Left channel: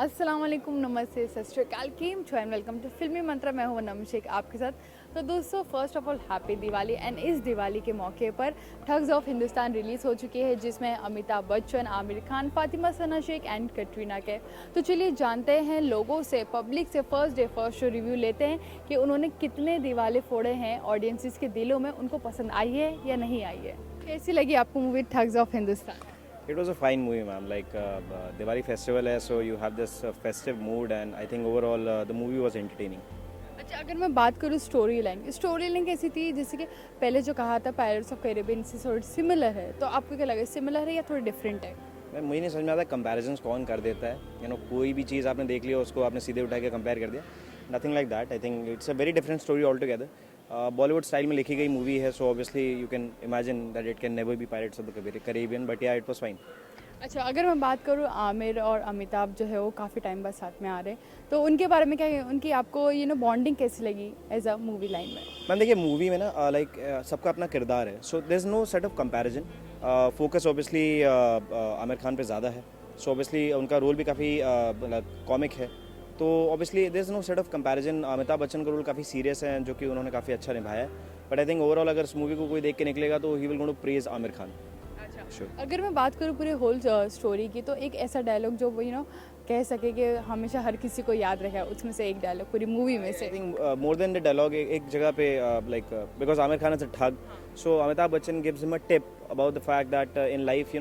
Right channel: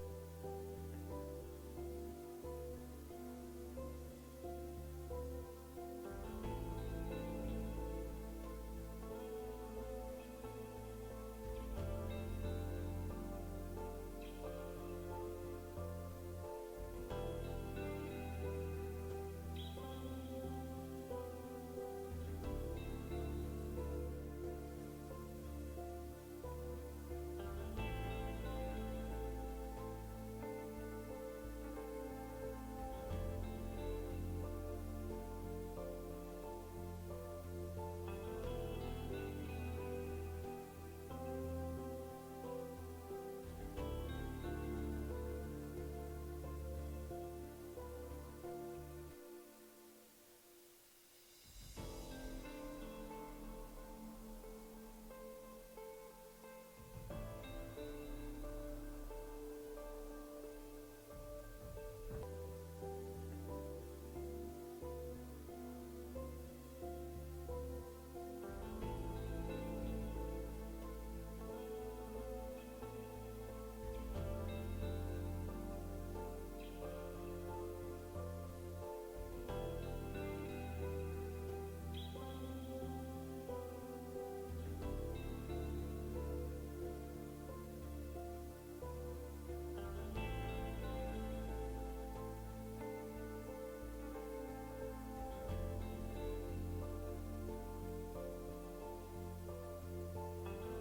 अस्सलाम वालेकुम, नमस्ते, सत श्री अकाल, केम छो एंड वेलकम टू फिल्मी मंत्रा। मैं हूं नम शेख आपके साथ। तो दोस्तों, first of all happy Diwali. And इस दिवाली के मौके पर ठग्स ऑफ हिंदुस्तान रिलीज़ हो चुकी है, जिसमें अमिताभ बच्चन, आमिर खान, फातिमा सना शेख एंड कटरीना कैफ। तो चलिए जानते हैं लोगों से, पब्लिक से first day first show review लेते हैं कि उन्होंने कितने दिवाले फोड़े हैं ऑडियंसिस के दिलों में, उनको पसंद आई है या नहीं आई है। कैसी लगी आपको movie thugs of Hindustan? It was a fine movie, ma'am. Diwali festival hai, so you have this festive mood, and I think overall the movie was entertaining. अच्छा, अगर मैं बात करूँ स्टोरी लाइन कैसी थी? जैसे कि पहले जो कहा था पायरेट्स ऑफ कैरिबियन से थोड़ी सिमिलर है, तो आपको क्या लगा, सिमिलर है या थोड़ी डिफरेंट है? मैं मुझे नहीं समझ में आता कंपैरिजन्स कौन कर देता है। कोई भी चीज़ आपने देख लिया उसको आपने सीधे उठा के कंपेयर कर दिया। Nothing like that. I think it's a very different story all together. Bollywood style में लिखी गई मूवी है, so obviously you can imagine that it can never be pirates of the Caribbean, but या इट वाज फाइन। अच्छा, अगर मैं बात करूँ आमिर और अमिताभ जो है वो काफ़ी टाइम बाद साथ में आ रहे हैं, तो उनके बारे में क्या है, उनकी आपको बॉन्डिंग कैसी लगी एज अ मूवी लाइन में? मैम देखिए, मूवी में ना सबका अपना किरदार है, so there is no set of comparison. Focus obviously Aamir Khan पे ज़्यादा है, सो ऑब्वियसली उनका रोल भी काफ़ी कॉमिक है, तो obviously there is no set of comparison. Amitabh Bachchan का रोल काफ़ी सीरियस है, जो कि उन्होंने काफ़ी अच्छा निभाया है, बट आई थिंक ओवरऑल अगर इस मूवी को कोई देख के निकलेगा तो ही will going to praise Aamir Khan. Sure. अगर मैं बात करूँ पूरे होल स्टोरी की, तो एक ऐसा डायलॉग जो कह सके कि हमेशा हर किसी को याद रहे, उसमें से एक डायलॉग पूरी मूवी में से। I think more than the dialogue एक जगह पे because Aamir Khan is a thug, so Amitabh Bachchan gives him a tip about the fact that in life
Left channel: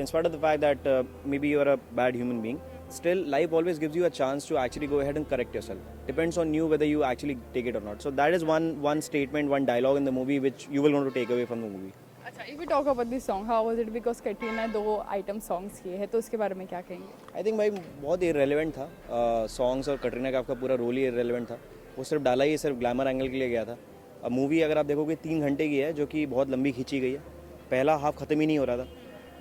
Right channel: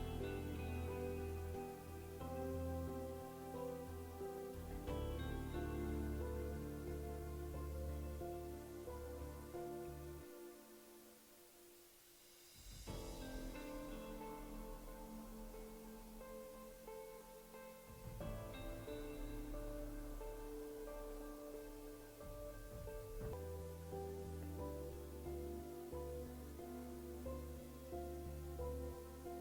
in spite of the fact that maybe you are a bad human being, still life always gives you a chance to actually go ahead and correct yourself. Depends on you whether you actually take it or not. So that is one statement, one dialogue in the movie which you will want to take away from the movie. अच्छा, if we talk about this song, how was it? Because Katrina 2 item songs किए हैं, तो उसके बारे में क्या कहेंगे? I think भाई बहुत इरेलीवेंट था सॉन्ग्स, और कटरीना का आपका पूरा रोल ही इरेलीवेंट था। वो सिर्फ डाला ही सिर्फ ग्लैमर एंगल के लिए गया था। अब मूवी अगर आप देखोगे 3 घंटे की है, जो कि बहुत लंबी खींची गई है। पहला हाफ ख़त्म ही नहीं हो रहा था,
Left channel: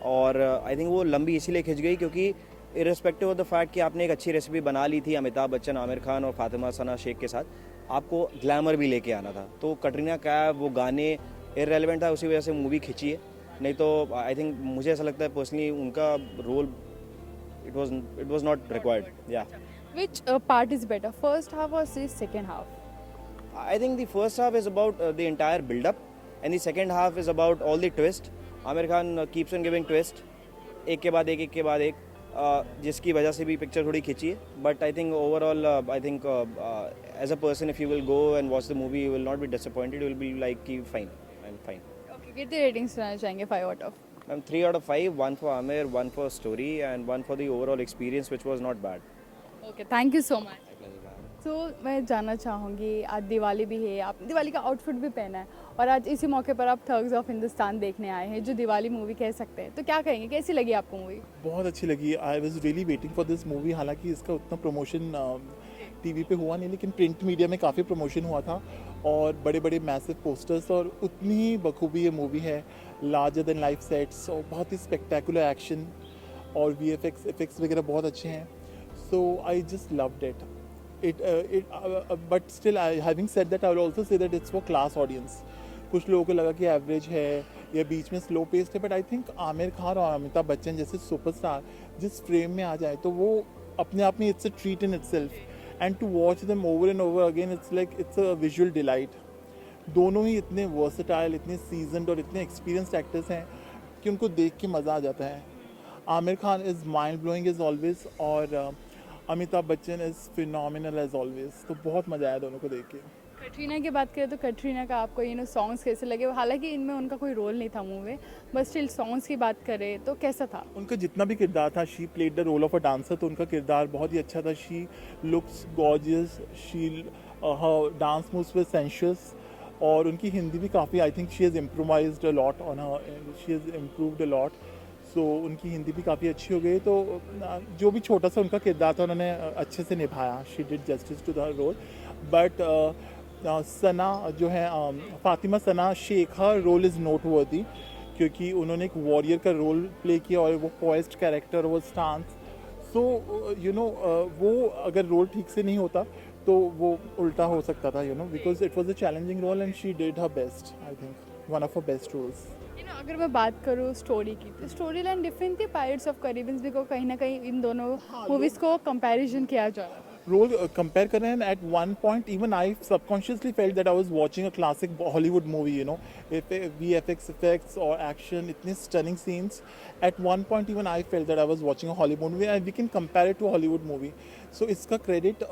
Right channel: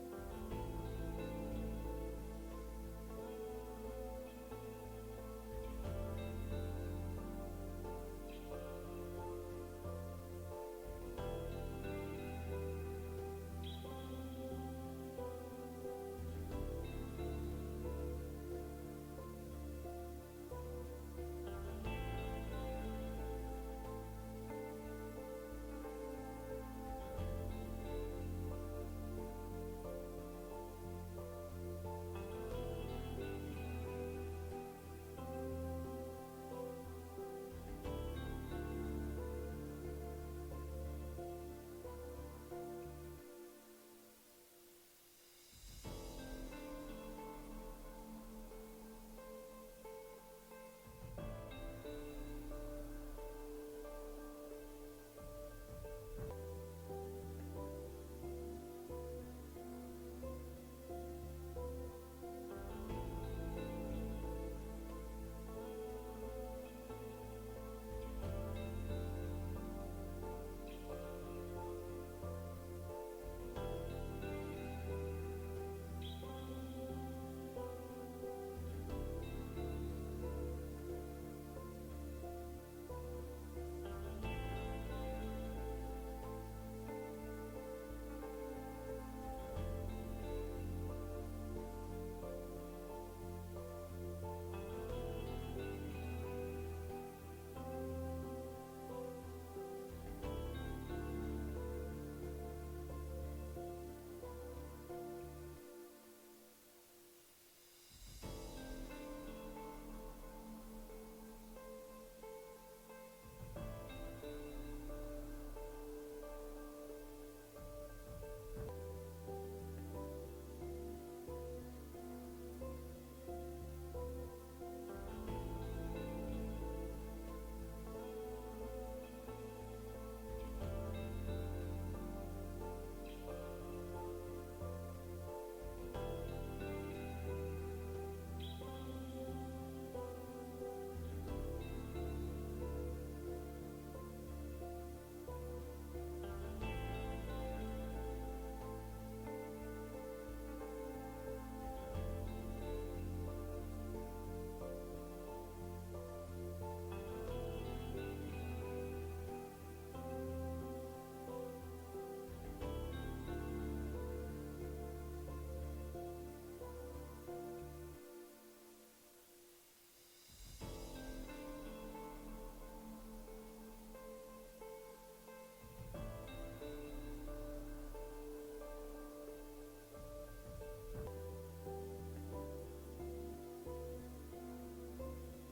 और आई थिंक वो लंबी इसीलिए खिंच गई क्योंकि इरिस्पेक्टिव ऑफ द फैक्ट कि आपने एक अच्छी रेसिपी बना ली थी अमिताभ बच्चन, आमिर खान और फातिमा सना शेख के साथ, आपको ग्लैमर भी लेके आना था। तो कटरीना कैफ, वो गाने इररेलेवेंट था, उसी वजह से मूवी खिंची है। नहीं तो आई थिंक मुझे ऐसा लगता है पर्सनली उनका role it was not required. या which part is better, first half और second half? I think the first half is about the entire build-up, and the second half is about all the twist. Amir Khan keeps on giving twist, एक के बाद एक, जिसकी वजह से भी picture थोड़ी खिंची है। But I think overall I think as a person if you will go and watch the movie you will not be disappointed, you will be like कि फाइन एंड फाइन। ओके, कितनी ratings देना चाहेंगे 5 out of? Ma'am 3 out of 5, 1 for Amir, 1 for story, and 1 for the overall experience, which was not bad. Okay, thank you so much. तो मैं जानना चाहूँगी, आज दिवाली भी है, आप दिवाली का आउटफिट भी पहना है, और आज इसी मौके पर आप ठग्स ऑफ हिंदुस्तान देखने आए हैं, जो दिवाली मूवी कह सकते हैं, तो क्या कहेंगे, कैसी लगी आपको मूवी? बहुत अच्छी लगी। I was really waiting for this movie. हालांकि इसका उतना प्रमोशन टीवी पे हुआ नहीं, लेकिन प्रिंट मीडिया में काफ़ी प्रमोशन हुआ था, और बड़े बड़े मैसिव पोस्टर्स, और उतनी ही बखूबी ये मूवी है। लार्जर देन लाइफ सेट्स, और बहुत ही स्पेक्टेकुलर एक्शन, और VFX इफेक्ट्स वगैरह बहुत अच्छे हैं। So I just loved it. But still, having said that, I will also say that it's for class audience. कुछ लोगों को लगा कि एवरेज है या बीच में स्लो पेस्ड है, but I think Aamir Khan और अमिताभ बच्चन जैसे सुपरस्टार जिस फ्रेम में आ जाए, तो वो अपने आप में it's a treat in itself, and to watch them over and over again it's a visual delight. दोनों ही इतने वर्सेटाइल, इतने सीजनड और इतने एक्सपीरियंस्ड एक्टर्स हैं कि उनको देख के मज़ा आ जाता है। Aamir Khan is mind blowing as always, और Amitabh Bachchan is phenomenal as always. तो बहुत मज़ा आया दोनों को देख के। कटरीना की बात करें तो कटरीना का आपको सॉन्ग्स कैसे लगे? हालांकि इनमें उनका कोई रोल नहीं था मूवी में, बट स्टिल सॉन्ग्स की बात करें तो कैसा था उनका जितना भी किरदार था? She played the role of a dancer, तो उनका किरदार बहुत ही अच्छा था। She looks gorgeous, she her dance moves with sensuous, और उनकी हिंदी भी काफ़ी, I think she has improvised a lot on her, she has improved a lot. So उनकी हिंदी भी काफ़ी अच्छी हो गई। तो जो भी छोटा सा उनका किरदार था उन्होंने अच्छे से निभाया। She did justice to the role. But Sana जो है, Fatima Sana Shaikh, her role is not worthy, क्योंकि उन्होंने एक वॉरियर का रोल प्ले किया, और वो पॉइस्ड कैरेक्टर, वो स्टांस। सो वो अगर रोल ठीक से नहीं होता तो वो उल्टा हो सकता था, because it was a challenging role, and she did her best. I think one of her best roles. अगर मैं बात करूँ स्टोरी की तो स्टोरी लाइन डिफरेंट थी पायरेट्स ऑफ कैरिबियन भी को कहीं ना कहीं इन दोनों मूवीज़ को कंपैरिजन किया जा रहा था रोल कंपेयर कर रहे हैं at one point even I subconsciously felt that I was watching a classic Hollywood movie you know VFX effects और एक्शन इतने stunning scenes at one point even I felt that I was watching a Hollywood movie and we can compare it to Hollywood movie so इसका credit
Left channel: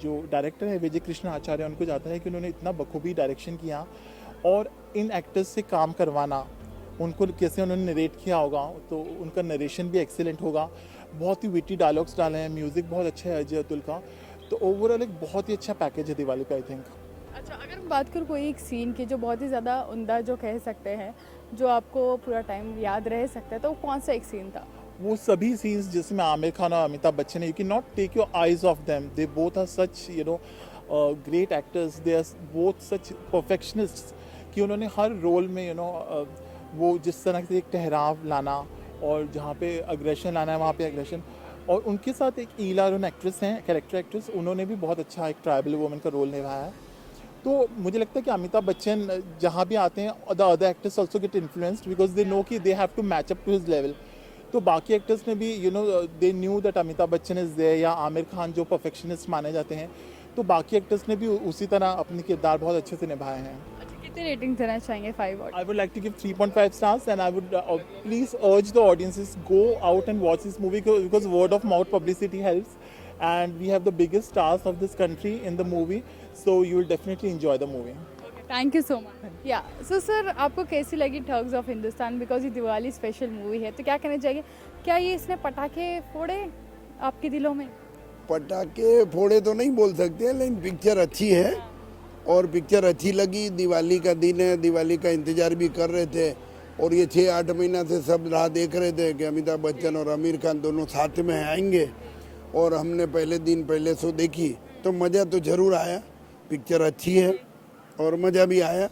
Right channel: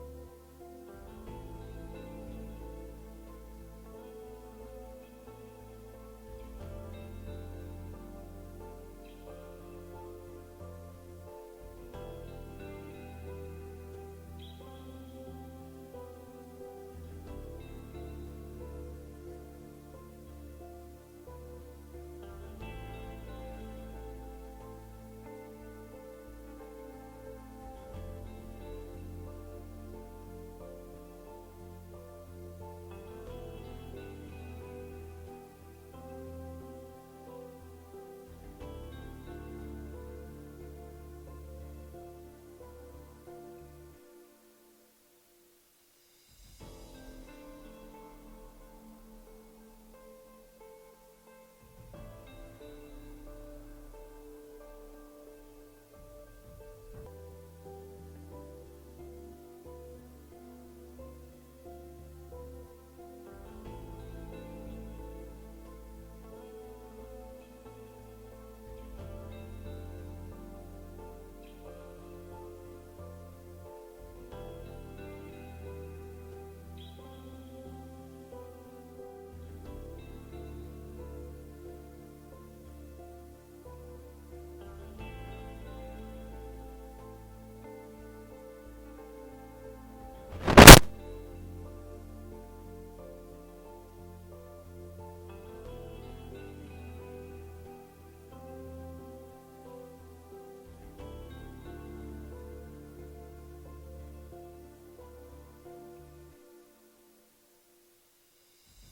जो director है विजय कृष्ण आचार्य उनको जाता है कि उन्होंने इतना बखूबी डायरेक्शन किया और इन एक्टर्स से काम करवाना उनको कैसे उन्होंने नरेट किया होगा तो उनका नरेशन भी एक्सीलेंट होगा बहुत ही विटी डायलॉग्स डाले हैं म्यूज़िक बहुत अच्छा है अजय अतुल का तो ओवरऑल एक बहुत ही अच्छा पैकेज है दिवाली का आई थिंक अच्छा अगर हम बात करूँ कोई एक सीन की जो बहुत ही ज़्यादा उम्दा जो कह सकते हैं जो आपको पूरा टाइम याद रह सकता है तो वो कौन सा एक सीन था वो सभी सीन्स जिसमें आमिर खान और अमिताभ बच्चन है you can not take your eyes off them they both are such you know great actors they are both such perfectionist कि उन्होंने हर रोल में यू नो वो जिस तरह से एक ठहराव लाना और जहाँ पे अग्रेशन लाना है वहाँ पे अग्रेशन और उनके साथ एक ईला रोन एक्ट्रेस हैं कैरेक्टर एक्ट्रेस उन्होंने भी बहुत अच्छा एक ट्राइबल वुमन का रोल निभाया है तो मुझे लगता है कि अमिताभ बच्चन जहाँ भी आते हैं the other actors also get influenced because they know कि they have to match up to his level तो बाकी एक्टर्स ने भी you know they knew that Amitabh Bachchan is there या आमिर खान जो परफेक्शनिस्ट माने जाते हैं तो बाकी एक्टर्स ने भी उसी तरह अपने किरदार बहुत अच्छे से निभाए हैं कितनी रेटिंग देना चाहेंगे 5 out I would like to give 3.5 stars and I would please urge the audiences go out and watch this movie because word of mouth publicity helps and we have the biggest stars of this country in the movie so you will definitely enjoy the movie. Thank you so much या so sir आपको कैसी लगी thugs of Hindustan because ये Diwali special movie है तो क्या कहना चाहिए क्या ये इसने पटाखे फोड़े आपके दिलों में पटाखे फोड़े तो नहीं बोल सकते लेकिन पिक्चर अच्छी है और पिक्चर अच्छी लगी दिवाली का दिन है दिवाली का इंतज़ार भी कर रहे थे और ये 6-8 महीना से सब राह देख रहे थे कि अमिताभ बच्चन और आमिर खान दोनों साथ में आएंगे और हमने पहले दिन पहले शो देखी तो मज़ा तो ज़रूर आया पिक्चर अच्छी है और मज़ा भी आया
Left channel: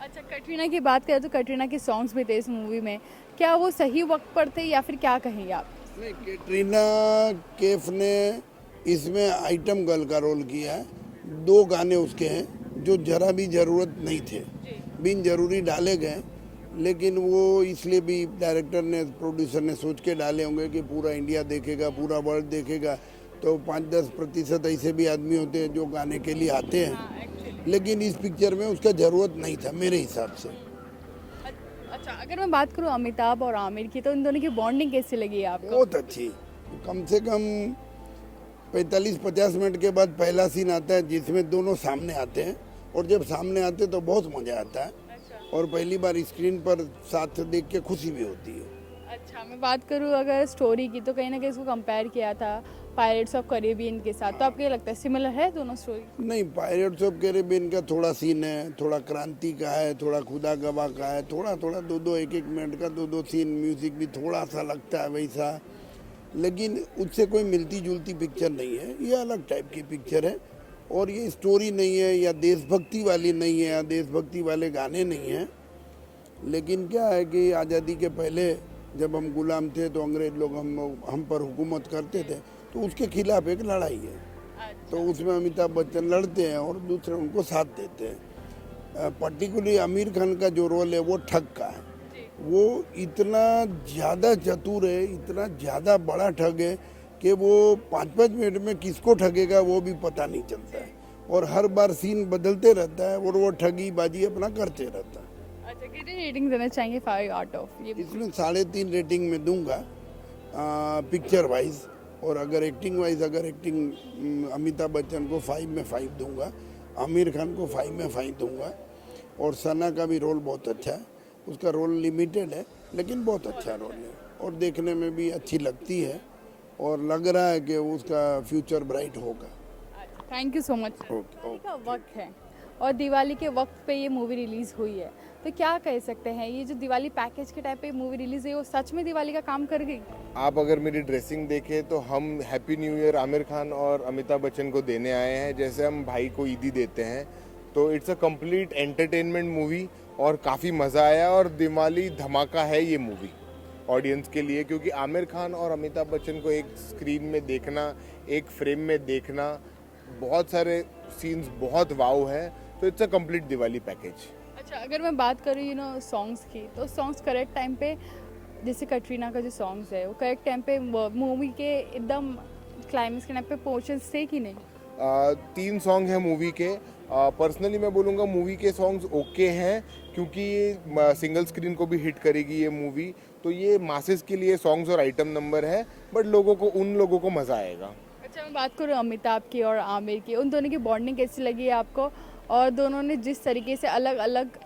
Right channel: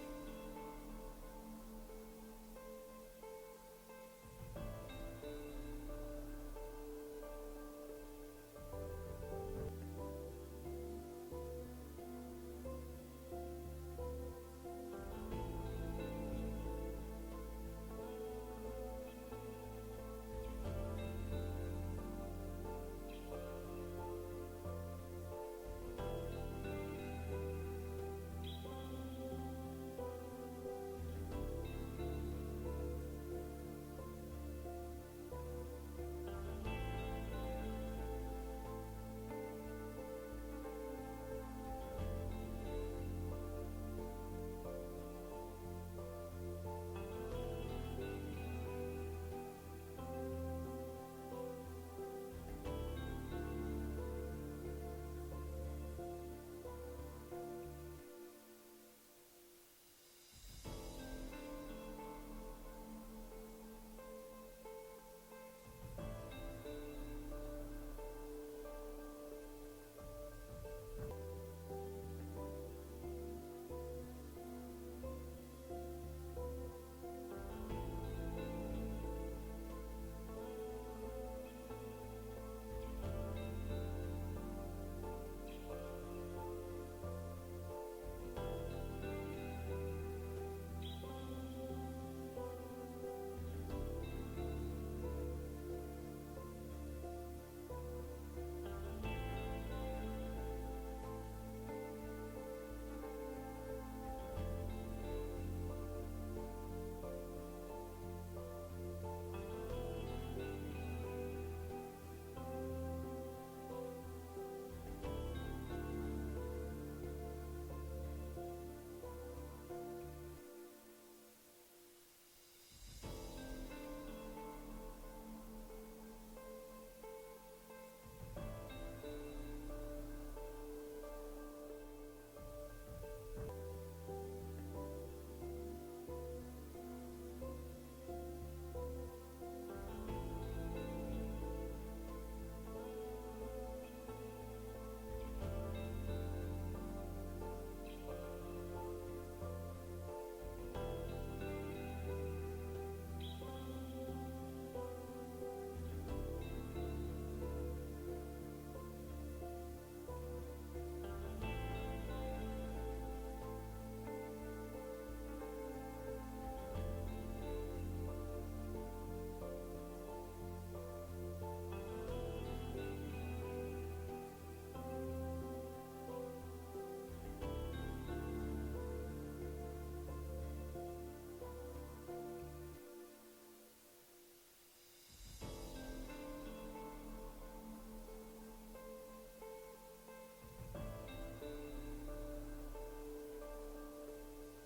अच्छा कटरीना की बात करें तो कटरीना के सॉन्ग्स भी थे इस मूवी में क्या वो सही वक्त पर थे या फिर क्या कहेंगे आप नहीं कैटरीना कैफ ने इसमें आइटम गर्ल का रोल किया है 2 गाने उसके हैं जो जरा भी ज़रूरत नहीं थे बिन ज़रूरी डाले गए लेकिन वो इसलिए भी डायरेक्टर ने प्रोड्यूसर ने सोच के डाले होंगे कि पूरा इंडिया देखेगा पूरा वर्ल्ड देखेगा तो 5-10% ऐसे भी आदमी होते हैं जो गाने के लिए आते हैं लेकिन इस पिक्चर में उसका ज़रूरत नहीं था मेरे हिसाब से अच्छा अगर मैं बात करूँ अमिताभ और आमिर की तो इन दोनों की बॉन्डिंग कैसी लगी आपको बहुत अच्छी कम से कम 45-50 मिनट के बाद पहला सीन आता है जिसमें दोनों सामने आते हैं और जब सामने आते हैं तो बहुत मज़ा आता है और पहली बार स्क्रीन पर साथ देख के खुशी भी होती है अच्छा मैं बात करूँ अगर स्टोरी की तो कहीं ना कहीं इसको कंपेयर किया था पायरेट्स ऑफ कैरिबियन के साथ तो आपको ये लगता है सिमिलर है दोनों स्टोरी नहीं पायरेट्स ऑफ कैरिबियन का थोड़ा सीन है थोड़ा क्रांति का है थोड़ा खुदा गवाह का है थोड़ा 2-1 मिनट का 2 सीन म्यूज़िक भी थोड़ा सा लगता है वैसा लेकिन उससे कोई मिलती जुलती पिक्चर नहीं है ये अलग टाइप की पिक्चर है और ये स्टोरी नहीं है या देशभक्ति वाली नहीं है या देशभक्ति वाले गाने नहीं हैं लेकिन क्या है कि आज़ादी के पहले जब हम गुलाम थे तो अंग्रेज लोग हम पर हुकूमत करते थे तो उसके खिलाफ एक लड़ाई है तो उसमें अमिताभ बच्चन लड़ते हैं और दूसरे उनको साथ देते हैं पर्टिकुलरली आमिर खान का जो रोल है वो ठग का है वो इतना ज़्यादा चतुर है इतना ज़्यादा बड़ा ठग है कि वो 5-5 मिनट में किसको ठगेगा वो भी पता नहीं चलता है और हर बार सीन बदलते रहता है और वो ठगी बाजी अपना करते रहता है अच्छा कितनी रेटिंग देना चाहेंगे 5 आउट ऑफ ये इसमें 3.5 रेटिंग में दूंगा पिक्चर वाइज और अगर एक्टिंग अमिताभ बच्चन को 5 में 5 दूंगा आमिर खान को 5 में 5 दूंगा और सना का भी रोल बहुत अच्छा है उसका रोल लिमिटेड है लेकिन बहुत अच्छा रोल है और देखने में भी अच्छी लगती है और लग रहा है कि उसका फ्यूचर ब्राइट होगा thank you so much okay का वक्त है और दिवाली के वक्त पे ये मूवी रिलीज़ हुई है तो क्या कह सकते हैं ये जो दिवाली पैकेज के टाइप पे मूवी रिलीज़ हुई वो सच में दिवाली का काम कर गई आप अगर मेरी ड्रेसिंग देखें तो हम happy new year Aamir Khan और अमिताभ बच्चन को देने आए हैं जैसे हम भाई को ईदी देते हैं तो it's a complete entertainment movie और काफ़ी मज़ा आया और दिवाली धमाका है ये मूवी ऑडियंस के लिए क्योंकि आमिर खान और अमिताभ बच्चन को एक स्क्रीन में देखना एक फ्रेम में देखना बहुत सारे सीन्स बहुत वाव है तो it's a complete Diwali package अच्छा, अगर मैं बात करूँ सॉन्ग्स की, तो सॉन्ग्स करेक्ट टाइम पे, जैसे कटरीना का जो सॉन्ग्स है वो करेक्ट टाइम पे मूवी के एकदम क्लाइमेक्स के टाइम पे पहुंचे थे कि नहीं? 3 सॉन्ग हैं मूवी के। पर्सनली मैं बोलूँगा मूवी के सॉन्ग्स ओके हैं, क्योंकि ये सिंगल स्क्रीन को भी हिट करेगी ये मूवी, तो ये मासेस के लिए सॉन्ग्स और आइटम नंबर है, बट उन लोगों को मज़ा आएगा। अच्छा, मैं बात करूँ अमिताभ की और आमिर की, उन दोनों की बॉन्डिंग कैसी लगी है आपको, और दोनों ने जिस तरीके से अलग अलग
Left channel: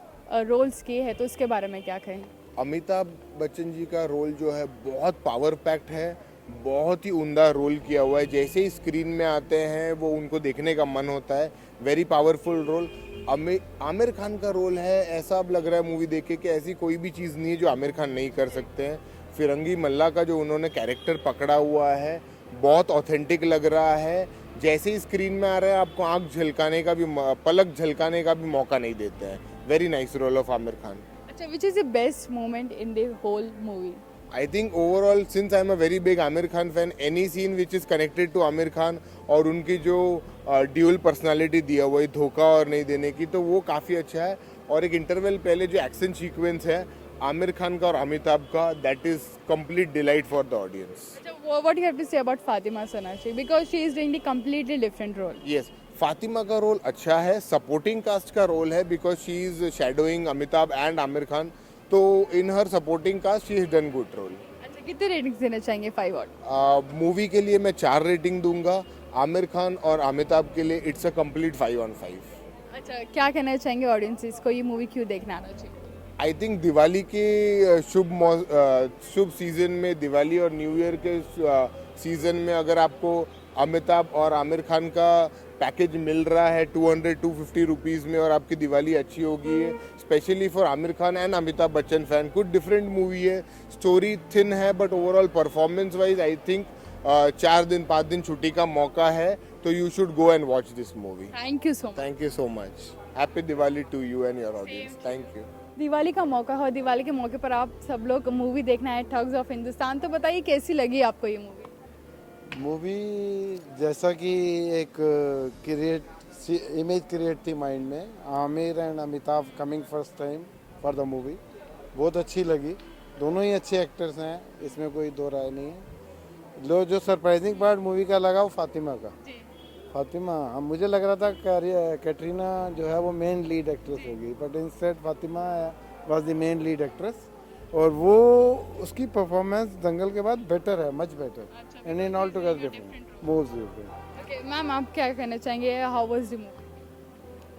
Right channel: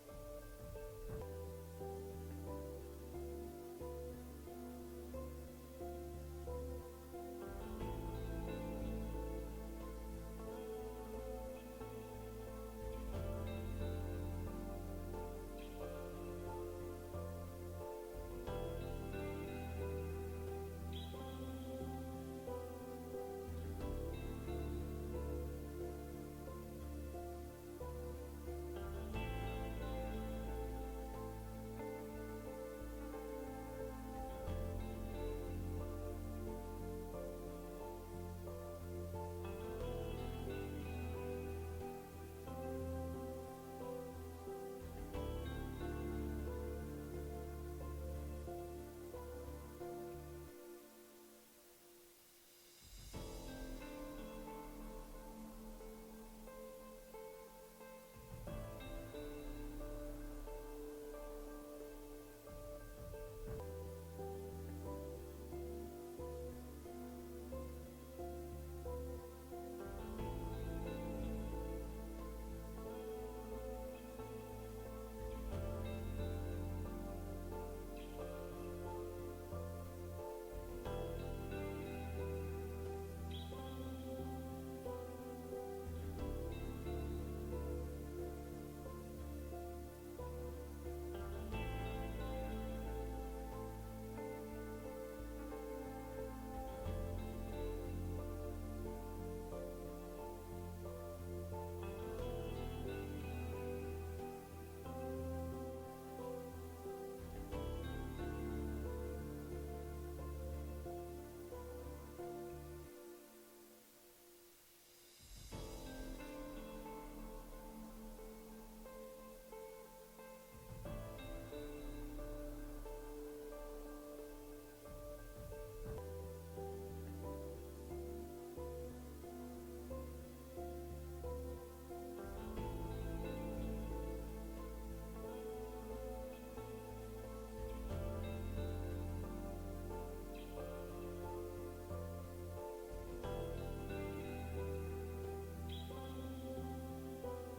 रोल्स किए हैं, तो उसके बारे में क्या कहें? अमिताभ बच्चन जी का रोल जो है बहुत पावर पैक्ड है, बहुत ही उम्दा रोल किया हुआ है। जैसे ही स्क्रीन में आते हैं वो उनको देखने का मन होता है। Very powerful role. Aamir Khan का रोल है, ऐसा अब लग रहा है मूवी देख के कि ऐसी कोई भी चीज़ नहीं है जो आमिर खान नहीं कर सकते हैं। फिरंगी मल्ला का जो उन्होंने कैरेक्टर पकड़ा हुआ है बहुत ऑथेंटिक लग रहा है। जैसे ही स्क्रीन में आ रहे हैं आपको आंख झलकाने का भी पलक झलकाने का भी मौका नहीं देते हैं। Very nice role of Aamir Khan. अच्छा, which is the best moment in the whole movie? I think overall, since I'm a very big Amir Khan fan, any scene which is connected to Amir Khan और उनकी जो dual personality दिया हुआ है धोखा और नहीं देने की, तो वो काफ़ी अच्छा है। और एक इंटरवल पहले जो एक्शन सीक्वेंस है आमिर खान का और अमिताभ का, that is complete delight for the audience. What do you have to say about Fatima Sanashi, because she is doing the completely different role? Yes, Fatima का रोल अच्छा है, सपोर्टिंग कास्ट का रोल है, because she is shadowing Amitabh and Aamir Khan, तो in her supporting cast she is done good role. अच्छा, कितने ratings देना चाहेंगे 5 आउट? मूवी के लिए मैं 4 रेटिंग दूंगा। आमिर खान और अमिताभ के लिए इट्स अ कंप्लीट 5 on 5। अच्छा, क्या कहना चाहेंगे ऑडियंसेस को, ये मूवी क्यों देखना आना चाहिए? आई थिंक दिवाली के शुभ सीजन में, दिवाली और न्यू ईयर के सीजन में अगर आपको अमिताभ और आमिर खान का पैकेज मिल रहा है 200-250 रुपीज़ में और आपकी दिवाली अच्छी होगी है, specially for Aamir Khan and Amitabh Bachchan fan. कुछ डिफरेंट मूवी है, स्टोरी थिन है, but overall performance wise I think 4 दिन 5 दिन छुट्टी का मौका है, तो you should go and watch this movie. Thank you so much. Thank you so much. Happy Diwali to you and your audience. Thank you. Diwali का मौका है और दिवाली के मौके पर आप सब लोग मूवी देखना है ठग्स ऑफ हिंदुस्तान, तो बताइए कैसी लगी आपको ये मूवी? मूवी जैसा कि एक इमेज क्रिएट थी माइंड में, Aamir and Amitabh coming first time for the movie, बहुत अच्छी लगी। दोनों ही अच्छे एक्टर्स हैं, इसमें कोई दो राय नहीं है। जो सरप्राइजिंग पार्ट मूवी का लगा वो फातिमा का। फातिमा, हम मुझे लग रहा था कैटरीना जो है वो मेन लीड एक्ट्रेस होगी, but instead Fatima was the main lead actress, और वो उसकी परफॉर्मेंस दंगल के बाद बेटर है, much better and in all together different most different. Okay ma'am, आप क्या कहना चाहेंगे, how was the movie?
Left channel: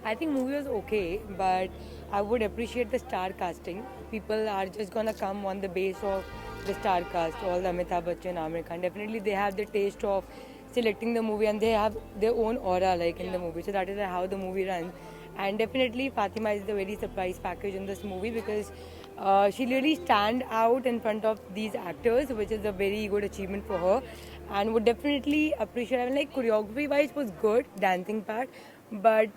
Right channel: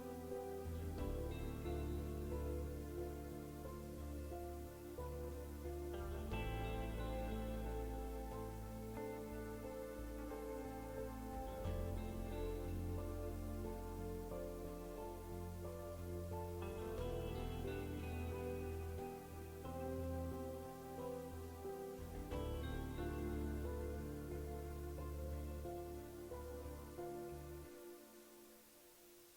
I think movie was okay, but I would appreciate the star casting. People are just gonna come on the base of the star cast, all the Amitabh Bachchan, Aamir Khan. Definitely they have the taste of selecting the movie and they have their own aura like in the movie. So that is how the movie runs. And definitely Fatima is the very surprise package in this movie because she really stand out in front of these actors, which is a very good achievement for her. And would definitely appreciate, I mean, like choreography wise was good, dancing part, but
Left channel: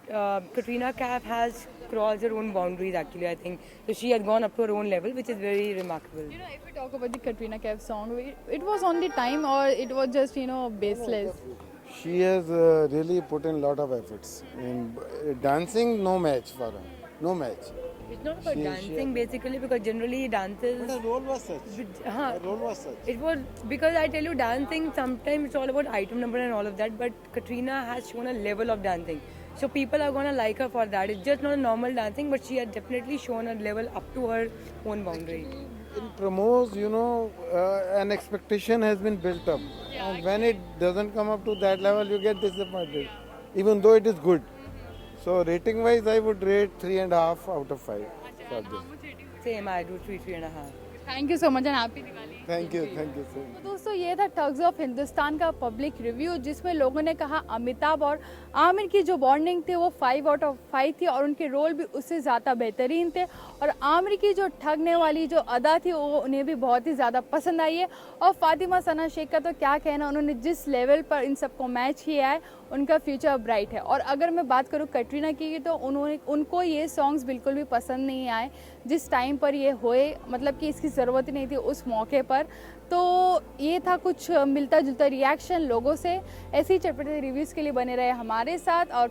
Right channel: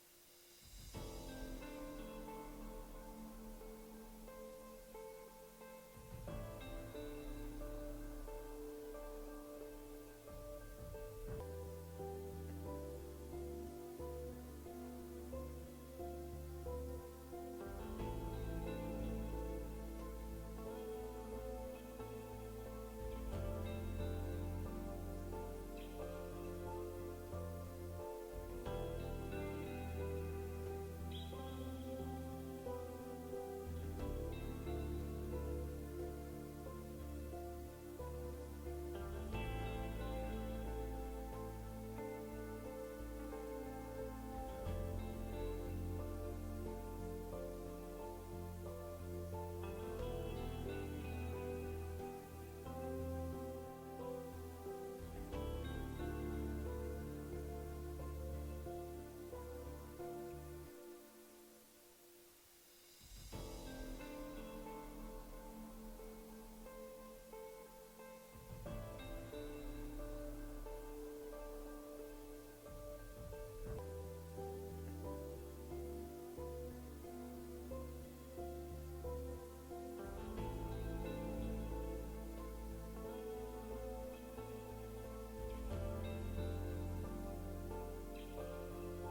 Katrina Kaif has crossed her own boundaries actually, I think. So she has gone up to her own level, which is very remarkable. You know, if we talk about the Katrina Kaif song, it was on the time or it was just baseless? She has really put in a lot of efforts in dancing. No match for her, no match. It's not about She- dancing basically, because generally dances. The role was such. Huh. The role was such. It was because I tell you, dancing sometimes it's all about item number and all of that, but Katrina has shown a level of dancing. So people are gonna like her for that. It's just not a normal dancing, but she has definitely shown a level up to her own boundary. In promos, an expectation has been built up, and when it doesn't come up to that level, you get disappointed, even though it is good. So rating wise, I would rate 3.5 out of 5 for this. Same, I do 3.5. Thank you so much and happy Diwali. Thank you so much. तो दोस्तों, ये था thugs of Hindustan का public review, जिसमें लोगों ने कहा अमिताभ और आमिर की जो बॉन्डिंग थी वो 5 आउट ऑफ 5 थी और उनके रोल भी उससे ज़्यादा बेहतरीन थे, और आमिर की जो ठगने वाली जो अदा थी वो उन्हें भी बहुत ही ज़्यादा पसंद आई है। और फातिमा सना शेख का तो क्या कहना, उन्होंने जिस लेवल पर इन सबको मैच किया है उनका फ्यूचर ब्राइट है। और अगर मैं बात करूँ कटरीना की, तो उनको ये सॉन्ग्स बिल्कुल भी पसंद नहीं आए जिस टाइम पर ये होए, मतलब कि इसकी ज़रूरत ही नहीं थी उस मौके पर। तो ये था कुछ मिलता जुलता रिएक्शन लोगों से। ऐसे ही चटपटे रिव्यूज़ के लिए बने रहे हमारे साथ और